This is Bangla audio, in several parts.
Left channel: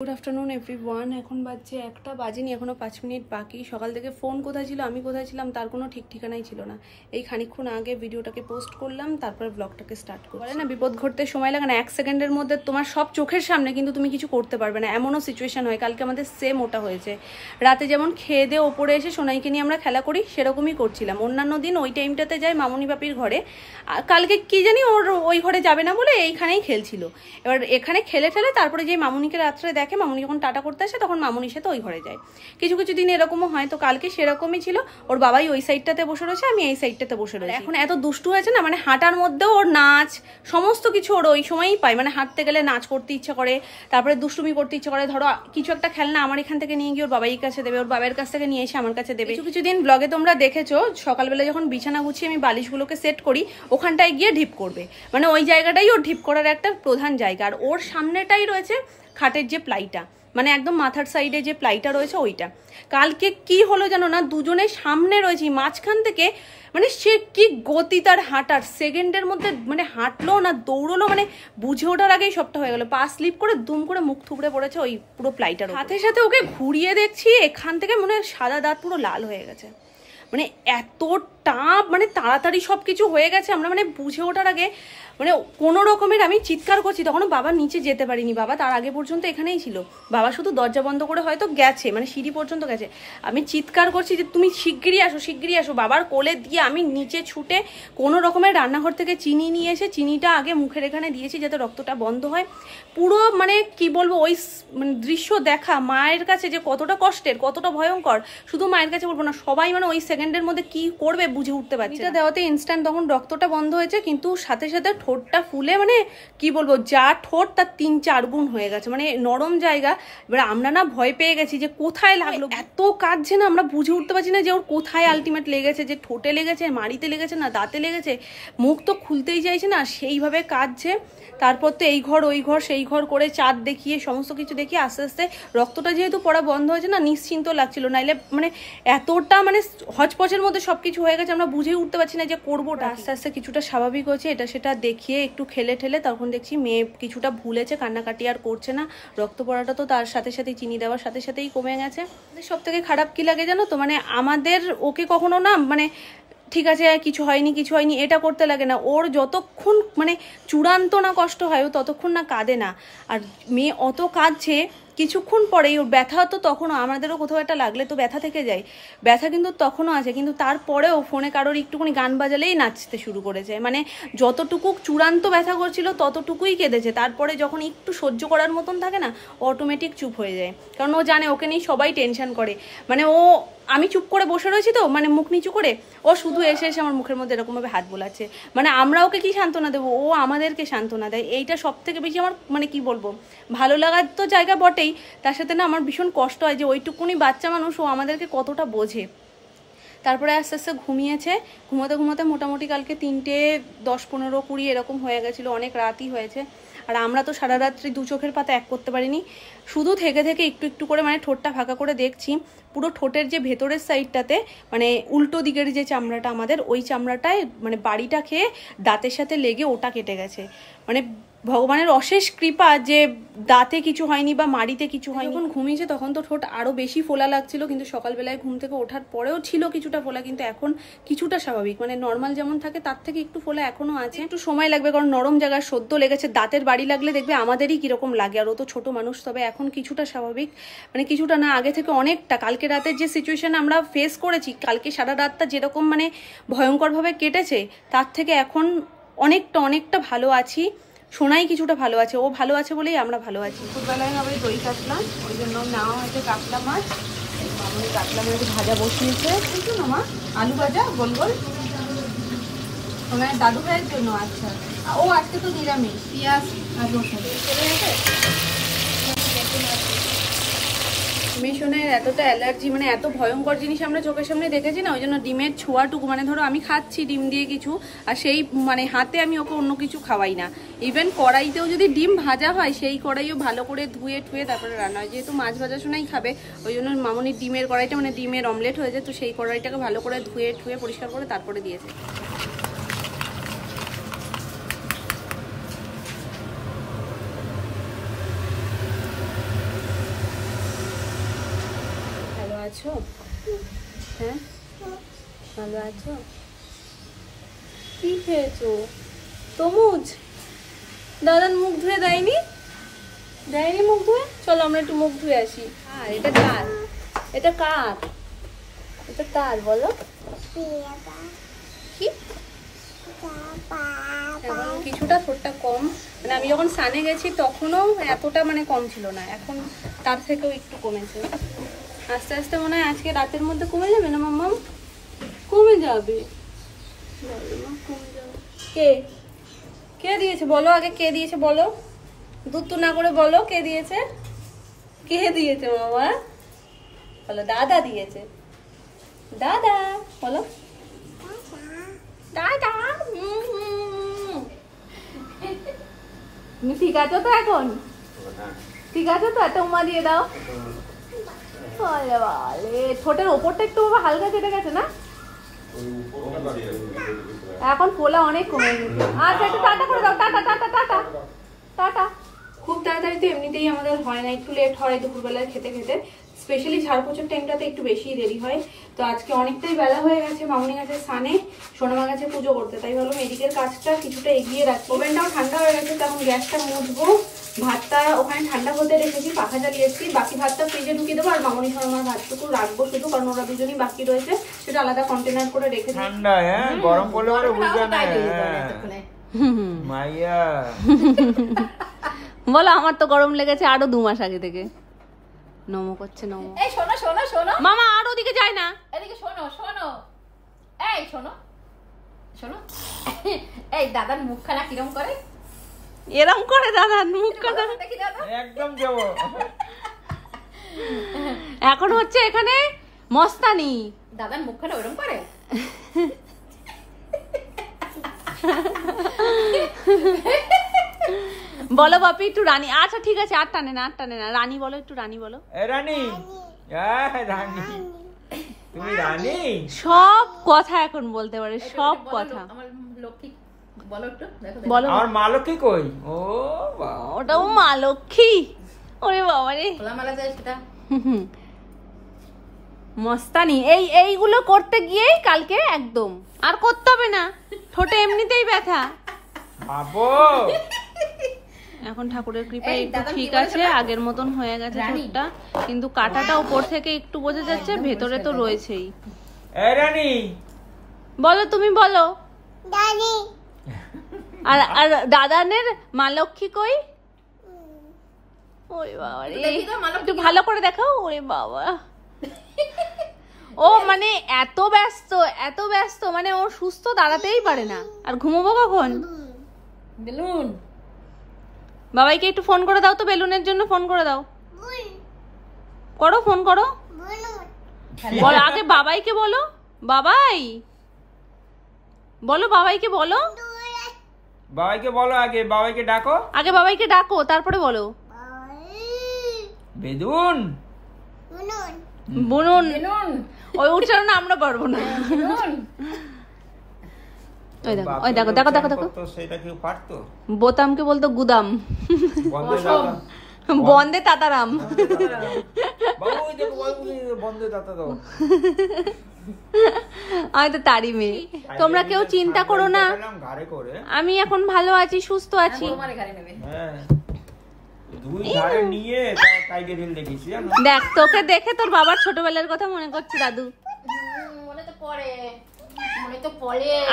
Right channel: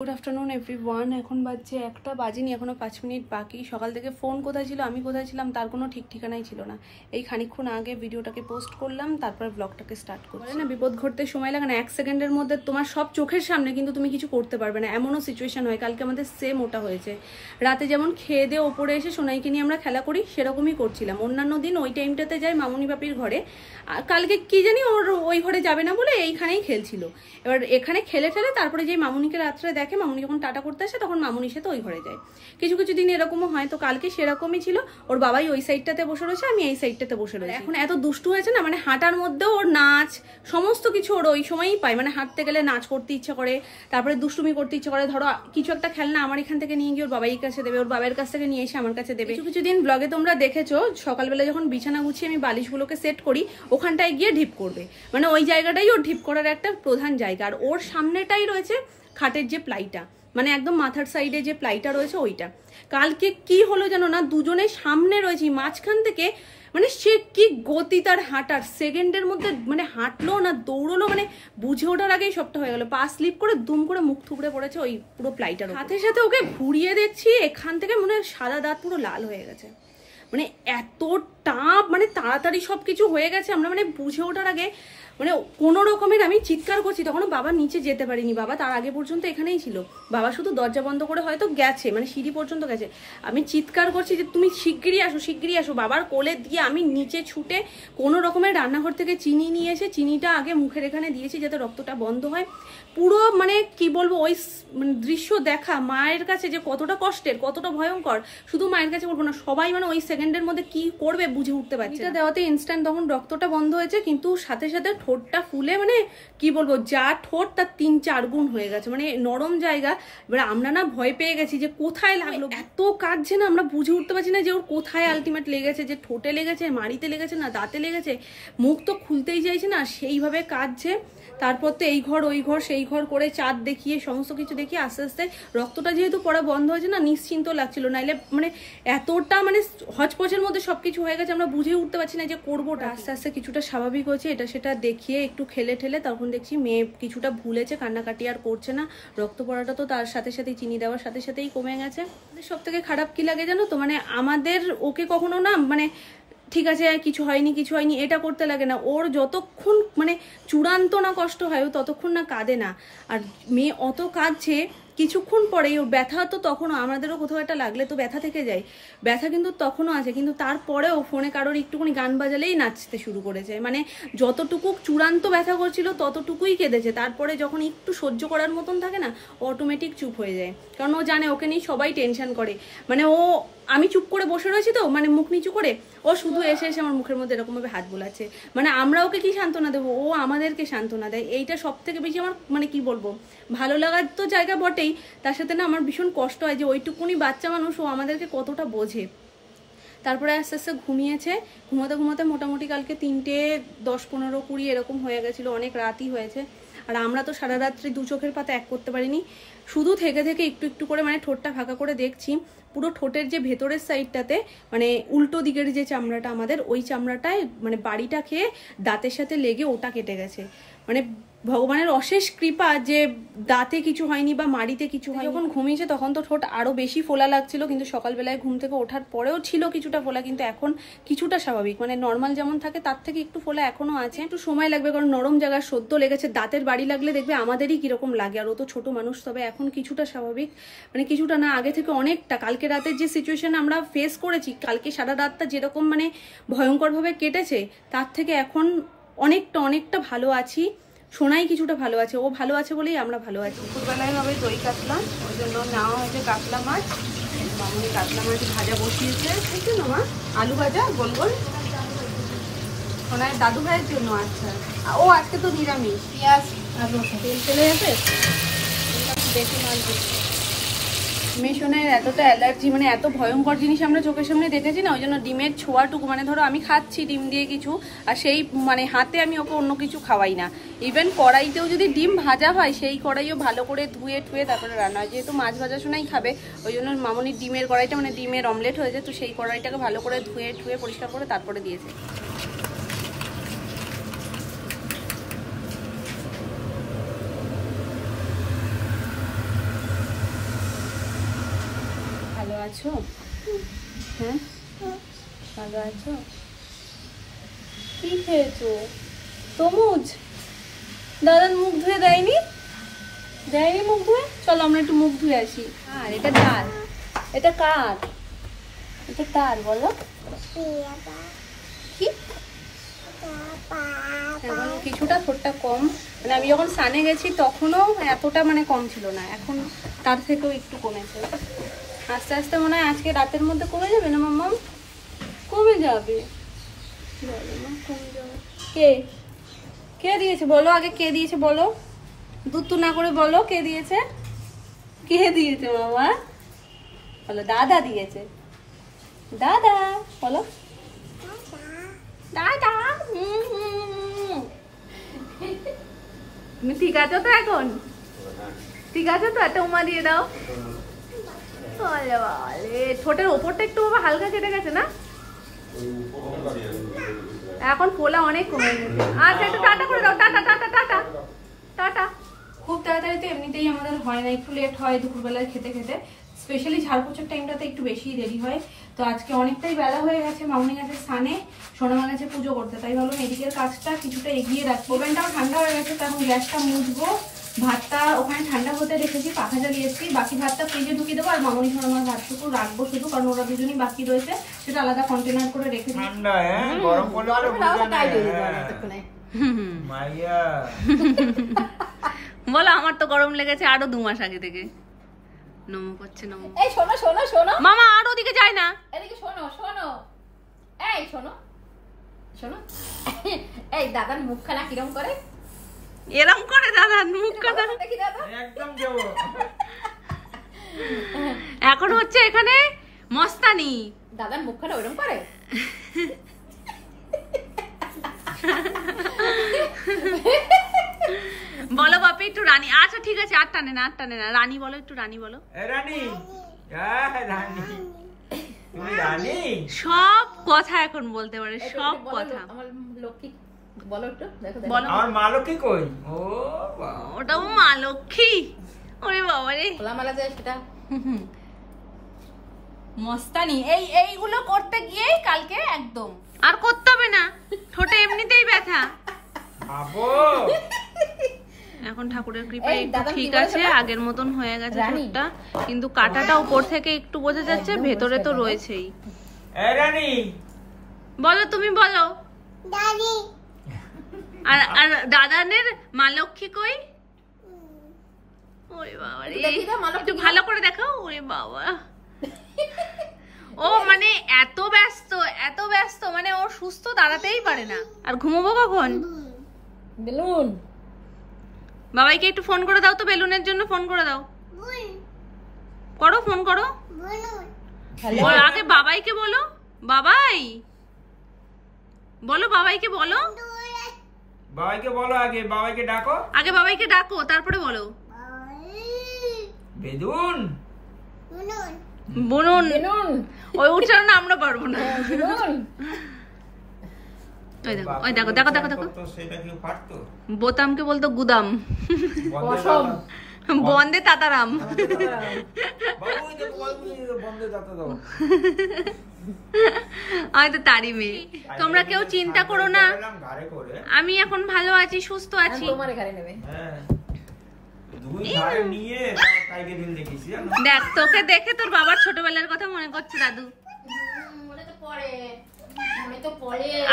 Good afternoon everyone. এখন বাজছে 1টা বাজেনি, এখনো 5 মিনিট বাকি। সকাল থেকে ফোন কোথায় ছিল, আমি কোথায় ছিলাম তার কোনো ঠিক ঠিকানাই ছিল না। এই খানিকক্ষণ আগে ভিডিওটাকে পোস্ট করলাম, তারপরে ব্লগটাকে স্টার্ট করলাম। বলে না বিপদ ঘটতে সময় লাগে না, 1 সেকেন্ডের মধ্যে তোমার সব চোখের সামনে, কিন্তু তুমি কিছু করতে পারবে না, এমনও সিচুয়েশন হয়। কালকে আমাদের সেম ওটা হয়েছে। রাতে যেমন খেয়ে দিয়ে ওপরে এসে সোনাইকে নিয়ে আমরা খেলা করি, সেরকমই করছিলাম। অন্যান্য দিন ওই টাইমটাতে যাই মামুনি বাপির ঘরে, আর কালকে কি জানি ওর ওই ঘরে যাবে না বলে এইখানেই খেলছিল। এবার এখানে খেলে ঠেলে তারপরে যে মামুনিকে রাত্রে দেখে, মামুনি যখন টাটা করতে আসে তখন মামুনির সাথে ওই ঘরে যায়। কিছু কিছু দিন এরকমও হয়। তো কালকে সেরকমই ছিল, ওর বাবাই ওই সাইডটাতে বসে রয়েছে, আমি এই সাইডটাতে বসে রয়েছি। এখন এত দুষ্টু হয়েছে না, মানে হাঁটার মধ্যেও ওর নাচ সমস্ত কিছু ওর ওই সময়ই পায়। মানে হাঁটতে গেলে নাচ করতে ইচ্ছা করে, তারপরে দুষ্টুমি করতে ইচ্ছা করে। ধরো কিছু একটা খেলনা আমার এখান থেকে নিয়ে গিয়ে ওর বাবাইয়ের কাছে দেবে, ওর বাবার কাছ থেকে নিয়ে এসে আমার কাছে দেবে। কিছু কিছু দিন ব্লগে তোমরা দেখেছো, সকালবেলা যখন বিছানা গুছিয়ে আমি বালিশগুলোকে সেট করি, ওখানটায় গিয়ে ঢিপ করবে। মানে ওই জায়গাটাই ওর ঢিপ করার একটা প্রধান জায়গা। আর ওর সামনেটাই রয়েছে খাটের যে প্লাইটা, মানে একদম মাথার সাইডে যে প্লাইটা রয়েছে ওইটা। কালকে কি হলো জানো না, দুজনে সামনে রয়েছি, মাঝখান থেকে মানে সে কি গতি তার হাঁটার, সেকেন্ডের মধ্যে মানে হাঁটলো না দৌড়লো, মানে বুঝে ওঠার আগেই সবটা হয়ে গেল। পা স্লিপ করে দুম করে মুখ থুবড়ে পড়েছে ওই পুরো প্লাইটার। সাথে সাথে ওকে ঘুরিয়ে দেখছি, এখান থেকে মানে সাদা দাঁত পুরো লাল হয়ে গেছে। মানে এতটা মানে তাড়াতাড়ি সবকিছু হয়ে গেছে, আমরা মানে বুঝে ওঠার আগে মানে কোনো রকমের আমি চিৎকার করছি। তখনও বাবা নিচে যেতে পারিনি, বাবা তার আগে পর্যন্ত এখানেই ছিল। বাবা শুধু দরজা বন্ধ করে হয়তো গেছে, মানে সিঁড়ি পর্যন্ত গেছে। আমি চিৎকার করছি যে তুমি শিগগিরই আসো, শিগগিরই আসো। বাবার কোলে দিয়ে আমি নিচে ছুটে কোনো রকমের রান্নাঘর থেকে চিনি নিয়ে এসে চিনিটা আগে মুখের এখানে দিয়েছি যাতে রক্তটা বন্ধ হয়। পুরো মানে কি বলবো, ওই মানে দৃশ্য দেখা মায়ের কাছে যে কতটা কষ্টের, কতটা ভয়ঙ্কর, শুধু মায়ের কাছে বলবো না, সবাই মানে ওই সেকেন্ডের মধ্যে কি করবে বুঝে উঠতে পারছে। এটা দেওয়াতে ইনস্ট্যান্ট তখন রক্তটা বন্ধ হয়েছে, কিন্তু সাথে সাথে ঠোঁটটা ফুলে মানে কি বলবো, যা ঠোঁট তার 3-4 গুণ হয়ে গেছে, মানে নরম জায়গা। এবার আমরা না ভয় পেয়ে গেছি যে কোথায় লাগলো, এত কাঁদছে না, আমরা বুঝে উঠতে পারছি না যে ওর কোথায় আলটিমেট লেগেছে, যে ঠোঁটে লেগেছে, মাড়িতে লেগেছে না দাঁতে লেগেছে। মুখ তো খুলতেই চাইছে না, সেইভাবে কাঁদছে। তারপর তো এই ঘর ওই ঘর সেই ঘর করে চাঁদ দেখিয়ে সমস্ত কিছু দেখিয়ে আস্তে আস্তে রক্তটা যেহেতু পড়া বন্ধ হয়েছে না, নিশ্চিন্ত লাগছিল। নাইলে মানে এতটা মানে হচপচের মধ্যে সবকিছু হয়ে গেছে, আমরা বুঝে উঠতে পারছি না যে করবোটা। আস্তে আস্তে কিছুটা স্বাভাবিক হয়েছে, এটা সেটা দেখিয়ে একটু খেলে ঠেলে তখন দেখছি মেয়ে কিছুটা ভুলেছে, কান্নাকাটি আর করছে না। রক্ত পড়াটা তো তার সাথে সাথেই, চিনি দেওয়ার সাথে সাথেই কমে গেছে। সব থেকে খারাপ কি লাগে জানো তো, মানে আমাদের ওকে কখনো না মানে ঠিক আছে কিছু হয়নি কিছু হয়নি এটা করতে লাগে না। ওর যতক্ষণ মানে চূড়ান্ত না কষ্ট হয় ও ততক্ষণ না কাঁদে না। আর মেয়ে অত কাঁদছে, কিছুক্ষণ পরেই ওর ব্যথা তো তখনও, আমাদেরও কোথাও একটা লাগলে তো ব্যথা থেকে যায়, ব্যথা কিন্তু তখনও আছে। কিন্তু তারপরেও ফোনে কারোর একটুখানি গান বাজালেই নাচতে শুরু করেছে। মানে যতটুকু চূড়ান্ত ব্যথা করছিল ততটুকুই কেঁদেছে। তারপরে যখন একটু সহ্য করার মতন থাকে না, অটোমেটিক চুপ হয়ে যায়। কারণ ও জানে ওকে নিয়ে সবাই টেনশন করে। মানে ও, আমি চুপ করে বসে রয়েছি তো, মানে মুখ নিচু করে, ও শুধু এসে এসে আমার মুখের মধ্যে এরকমভাবে হাত বোলাচ্ছে। মানে আমরা ওকে কি সান্ত্বনা দেবো, ও আমাদেরকে সান্ত্বনা দেয়। এইটা সব থেকে বেশি আমার মানে কি বলবো, ভালো লাগার তো জায়গা বটেই, তার সাথে না আমার ভীষণ কষ্ট হয় যে ওইটুকুনি বাচ্চা মানুষ ও আমাদেরকে কতটা বোঝে। তারপরে আস্তে আস্তে ঘুমিয়েছে। ঘুমোতে ঘুমোতে মোটামুটি কালকে 3টে 10, 15, 20 এরকম হয়ে গেছিলো, অনেক রাতই হয়েছে। আর আমরা তো সারা রাত্রি 2 চোখের পাতা এক করতে পারিনি, শুধু থেকে থেকে একটু একটু করে মানে ঠোঁটটা ফাঁকা করে দেখছি। পুরো ঠোঁটের যে ভেতরের সাইডটাতে মানে উল্টো দিকের যে চামড়াটা আমাদের, ওই চামড়াটায় মানে বাড়িটা খেয়ে দাঁতের সাথে লেগে ওটা কেটে গেছে। মানে ভগবানের অশেষ কৃপা যে দাঁতে কিছু হয়নি বা মাড়িতে কিছু হয়নি। যখন ঘুমিয়েছে তখন তো ঠোঁট আরো বেশি ফোলা লাগছিল, কিন্তু সকালবেলায় ঘুম থেকে ওঠার পরেও ছিল কিছুটা ফোলা, কিন্তু এখন কিছুটা স্বাভাবিক, মানে নর্মাল যেমন থাকে তার থেকে একটু ফোলা এখনো আছে। একটু সময় লাগবে, কারণ নরম জায়গায় সদ্য লেগেছে। দাঁতের বাড়ি লাগলে দেখবে আমাদেরই কিরকম লাগে, আর ও তো ছোট মানুষ। তবে এখন কিছুটা স্বাভাবিক, মানে কিছুটা না, আগে থেকে অনেকটা। কালকে রাতের যে সিচুয়েশন আমরা ফেস করেছি, কালকে সারা রাতটা যেরকম মানে ভয়ঙ্করভাবে কেটেছে, তার থেকে এখন অনেকটা ভালো আছি। সোনাই কিছুটা ভালো আছে, ও ভালো আছে বলেই আমরা ভালো আছি। দুপুরবেলায় হবে দই কাতলা, ওই জন্য নেওয়া হয়েছে কাতলা মাছ। মামুনি কাতলা মাছ ভাজা বসিয়েছে, বুঝছো না মা, আলু ভাজা গোল গোল। সোনার দাদু ভাইয়ের জন্য। আচ্ছা, ও আজকে তো নিরামিষ, পেঁয়াজ মেশনের এতটা অ্যালার্জি, মানে এত ভয়ঙ্কর জিনিস আমরা চোখের সামনে দেখেছি না, ওই জন্য ডিমের ছোঁয়াটুকু, মানে ধরো আমি খাচ্ছি ডিম দিয়ে কিছু, আর সেই মানে হাতে আমি ওকে অন্য কিছু খাওয়াই না। ইভেন কড়াইতেও যদি ডিম ভাজা হয়, সেই কড়াইও ভালো করে ধুয়ে ঠুয়ে তারপরে রান্না হয়। যেহেতু মাছ ভাজা শোনাই খাবে, ওই জন্য মামুনির ডিমের কড়াইটা মানে ডিমের অমলেট হয়েছে, তো সেই কড়াইটাকে ভালো করে ধুয়ে ঠুয়ে পরিষ্কার করে তারপরে দিয়েছে। আছো? হ্যাঁ, ভালো আছো? কি খেয়েছো? তরমুজ? দাদার মুখ ধুয়ে দেয়নি? দেয়নি মুখ ধুয়ে? চলো আমরা একটু মুখ ধুয়ে আসি। আর এটা কার? এটা কার? এটা কার বলো? কি? এখন কিছুটা ঠোঁটটা কম, মানে আমি যখন সানে গেছি তখনও এতটা মানে কম ছিল না, এখন তার থেকেও একটু কমেছে। আস্তে আস্তে মনে হয় আজকে রাতের মধ্যে কমে যাবে না মাম্মাম? কমে যাবে, কমে যাবে। কে কে দিয়েছে বলো আগে, কে দিয়েছে বলো? দুধ না করে বলো কে দিয়েছে? কে দিয়েছে মামা? বলো দাদা দিয়েছে। দাদা বলো, দাদা। তুমি ঠিক আছো তো এখন? ঠিক আছে তো? একটা উমা দিয়ে দাও। ঠোঁটের ওপরটা একটু হালকা কেটে গেছে না? এখন ফোলা অনেক কমে গেছে। আচ্ছা একটু টাটা করে দাও। Tata tata tata tata. খুব তাড়াতাড়ি তো এমনিতেই আমাদের হয় না, একটু লেট হয় দুপুরবেলায় খেতে খেতে। স্পেশালি ঝাড়পোছার টাইমটাতে একটু বেশি দেরি হয়। তো আজকে অনেকটাই বেলা হয়ে গেছে, মামনি গেছে স্নানে, সোনামা গেছে পুজো করতে, তাই ভাবলাম এদিকের কাজটা কিছুটা এগিয়ে রাখবো। ওভেনটাও ঠান্ডা হয়ে গেছে, তখন গ্যাসটা মুছবো। ভাতটা ওখানে ঠান্ডা হতে রেখেছি, পাখা জ্বালিয়েছি, বাকি ভাতটা ফ্রিজে ঢুকিয়ে দেবো। আর মামনি সোনামার ভাতটুকু রাখবো শুধু, কারণ ওরা দুজনই বাকি রয়েছে, সেটা আলাদা কন্টেনার করে রেখে দিই। ঠান্ডা গরম মাইয়া বলো আমার তো গরম লেগেছে আরো 2 মাস আগে থেকে। নমো করছে নমো। এই শোনো শোনো শোনো মামা আর ওদিকে যায় না, এদিকে শোনো শোনো। এই শোনো শোনো, এই দাদার মুখখানা কিরম করে? এরম করে দাদার মুখখানা দেখি দাদা একদম যাবো। এখন হচ্ছে এখানে মস্তানি। দাদার মুখখানা ওরম করে? বলো বাপি একটু রানী। আচ্ছা ঠিক আছে, আর টানে না আর টানে না। রানী বলো একটু, রানী বলো। রানী রানী, তুমি রানী। সব কথা এখন বলতে পারে, সব কথা। আমার লক্ষ্মী বলো একটু, দেখো বলো। আমার মা লক্ষ্মী কই? ও ওটাও মা লক্ষ্মী। ওরে বাবা রে, খোলামেলা যায় সেটা। মস্তানি এইগুলো করতে গিয়েই কালকে একদম আর করতে হবে না, ঠোঁটে এমনিতেই ব্যথা। বাবু এখন ঠাকুরের কৃপায় একটু ঠিক আছে, আগের মতন হয়ে গেছে ঠোঁটটা, কিন্তু কাটাটা উপর থেকে একটু বোঝা যাচ্ছে, ভেতরে তো রয়েছেই। এই রানী বলো তুমি বলো। দাদি আর দাদানের মা লক্ষ্মী কই? ওরে বাবা রে, একটু ভালো করে দেখাও। ওরে বাবা, ও মানে এত ব্যস্ত মানে ও সুস্থ দাঁড়াতেই পারে না। আর ঘুমোবো কখন? বেলুন বাবাইকে একটু ফোন করে দাও তো, বেলুনের জন্য ফোন করে দাও। করো, ফোন করো। বলো আগে বাবাইকে বলো। বাবাই বলো, বাবাইকে বলো। বাবাইকে বলো, আগে বাবাইকে ডাকো। আগে বাবাইকে ডাকো তারপরে বলো। বেদুন বুনুন, ওই উচ্চারণ আমরা পারবো না। ওই দেখো ওই দেখো দেখো দেখো দেখো, সেটা কি পারতো? বোতামকে বলতো গুদাম, বন্দে তাতারাম। আমি তো তারই মেয়ে। তোমরা কেউ চিন্তা করো না, আমি এখন ভালো আছি, সুস্থ আছি। দেখ তোকে দেখে তোর বাবার ছোটবেলার কথা মনে করছে দাদু।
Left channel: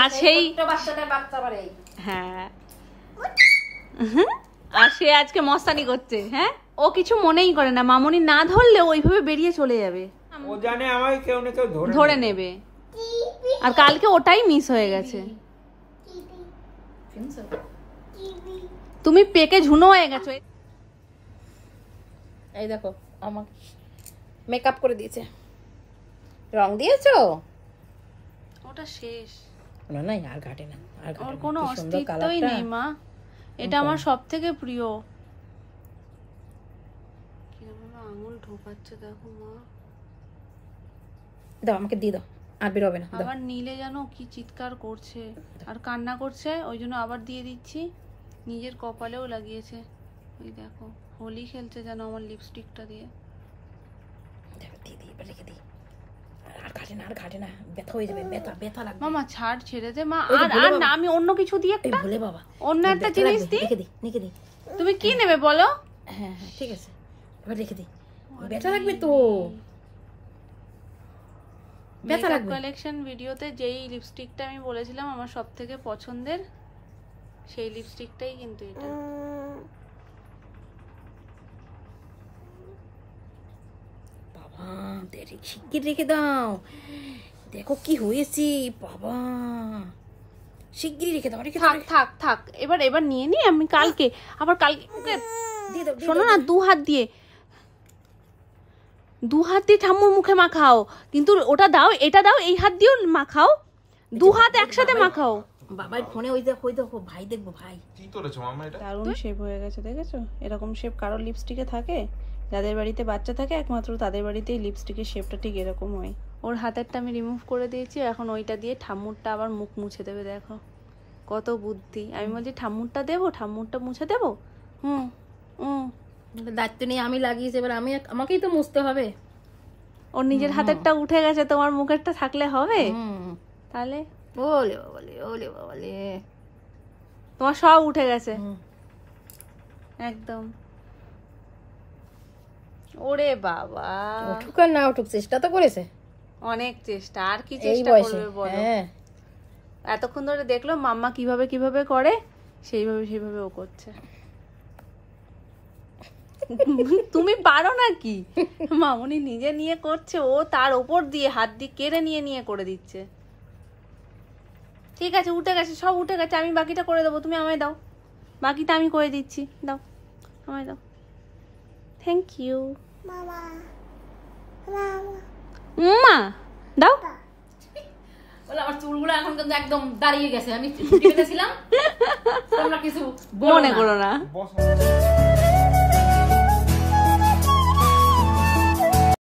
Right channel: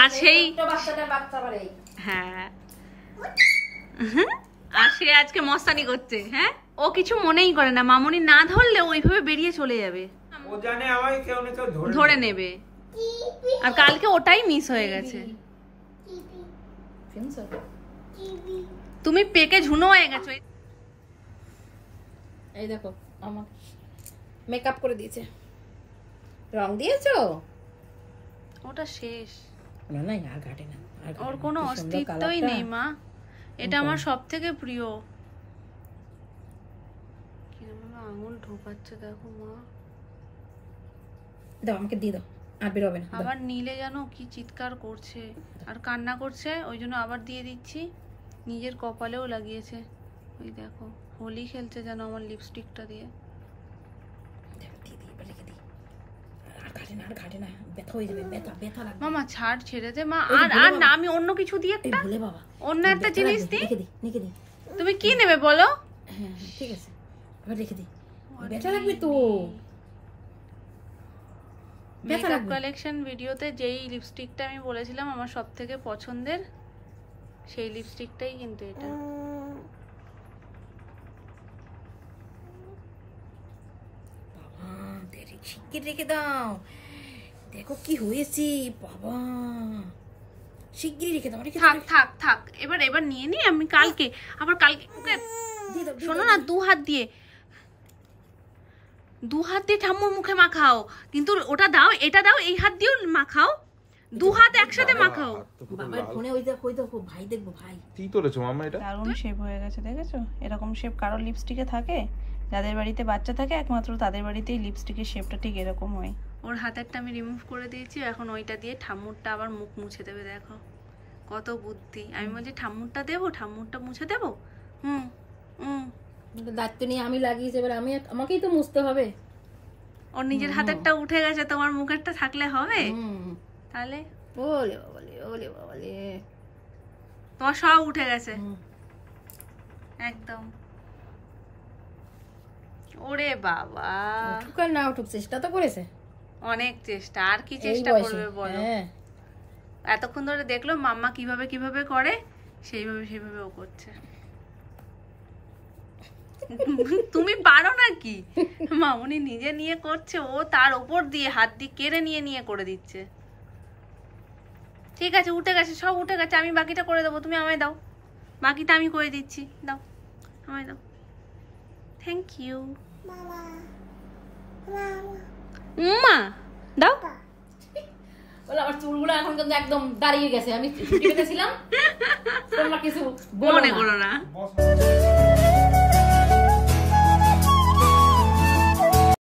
আর সেই হ্যাঁ, আর সে আজকে মস্তানি করছে। হ্যাঁ, ও কিছু মনেই করে না, মামনি না ধরলে ওইভাবে বেরিয়ে চলে যাবে, ও জানে আমায় কেউ না কেউ ধরে নেবে। আর কালকে ওটাই মিস হয়ে গেছে। তুমি পেকে ঝুনো হয়ে গেছো। এই দেখো আমার মেকআপ করে দিয়েছে, রং দিয়েছো? ওটা শেষ, না না আর ঘাটে না, ওর কোনো অস্তিত্বই নেই মা। এটা আমার সবথেকে প্রিয়। কিরকম আঙুল ঢোকাচ্ছে দেখো মা। দাও আমাকে দিয়ে দাও, আর বের হবে না। আবার নীলে জানো কি চিৎকার করছে আর কান্না করছে, ওই জন্য আবার দিয়ে দিচ্ছি। নিজের কপালেও লাগিয়েছে, ওই দেখো হোলি খেলছে যেন আমার লিপস্টিকটা দিয়ে। আর ঘাটে না ব্যথা হয়ে যাবে, ব্যথা লাগবে। মামা ছাড়, ছেড়ে দে মা। আর না, আমি অন্য কিছু দিয়ে একটা ভোলে বাবা অন্য একটা জিনিস দিই। রেখে দি। তুমি কি নেবে বলো? হ্যাঁ ঠিক আছে, এবার রেখে দি। ব্যথা লাগবে তো, ব্যথা লাগবে। কালেকশন ভিডিওতে যেই লিপস্টিকটা আমি বলেছিলাম আমার সবথেকে পছন্দের, সেই লিপস্টিকটাই কিন্তু এটা। বাবা দেরি, শিগগির রেখে দাও, দেখো কি হয়েছে বাবা, শিগগিরই রেখে দাও। থাক এবার নিয়ে নি, আমি কালকে আবার কালকে শোনো না, দু হাত দিয়ে ঠাম্মুর মুখে মাখাও, কিন্তু ওটা দাও, এটা দাও, এই হাত দিয়েও মাখাও, দু হাত একসাথে মাখাও। বাবার ফোনে ওই দেখো ভাই, দেখবো ভাই কি করেছো মামা এটা? দারুণ শেপ হয়ে গেছে, দেখেছো? এরকম শেপ কারোর লিপস্টিকে থাকে? যাদের বাড়িতে বাচ্চা থাকে একমাত্র তাদের বাড়িতেই লিপস্টিকের শেপটা ঠিক এরকম হয়। ওর হাতেরটা আমি রিমুভ করে দিয়েছি, এখন ওইটা দিয়ে ঠাম্মুরটা আবার মুখ মুছে দেবে। দেখো কত বুদ্ধি। আমি বলছি ঠাম্মুরটা দেবো, ঠাম্মুরটা মুছে দেবো। দায়িত্ব নিয়ে আমি লাগিয়েছি, এবার আমাকেই তো মুছতে হবে। ওর নিজের হাতেরটা উঠে গেছে, তোমার মুখেরটা থাকলে হবে? তাহলে ওলে বাবালে তোমার সব উঠে গেছে একদম। ওরে বাবা, উঠুক আর না উঠুক, চেষ্টা তো করেছে, অনেক চেষ্টা। আর কি চেষ্টা করবে বলো? এতক্ষণ ধরে দেখলো মাম্মা কিভাবে করে, সেইভাবে ও করছে। তুমি পারো নাকি? মামনি নিজে নিয়ে করছে, ও তার ওপর দিয়ে হাত দিয়ে কেড়ে নিয়ে করে দিচ্ছে। ঠিক আছে, উঠে গেছে, সব উঠে গেছে, আমি বাকিটা করে দেবো, তুমি আমায় দাও, বাকিটা আমি করে দিচ্ছি, দাও আমায় দাও। থ্যাংক ইউ মা, দাও। বলে আমার চুলগুলো এখন কিন্তু একদম দাঁড়িয়ে গেছে, আমি ছুটি পেতেছিলাম, তোমরা কিছু মনে করো না।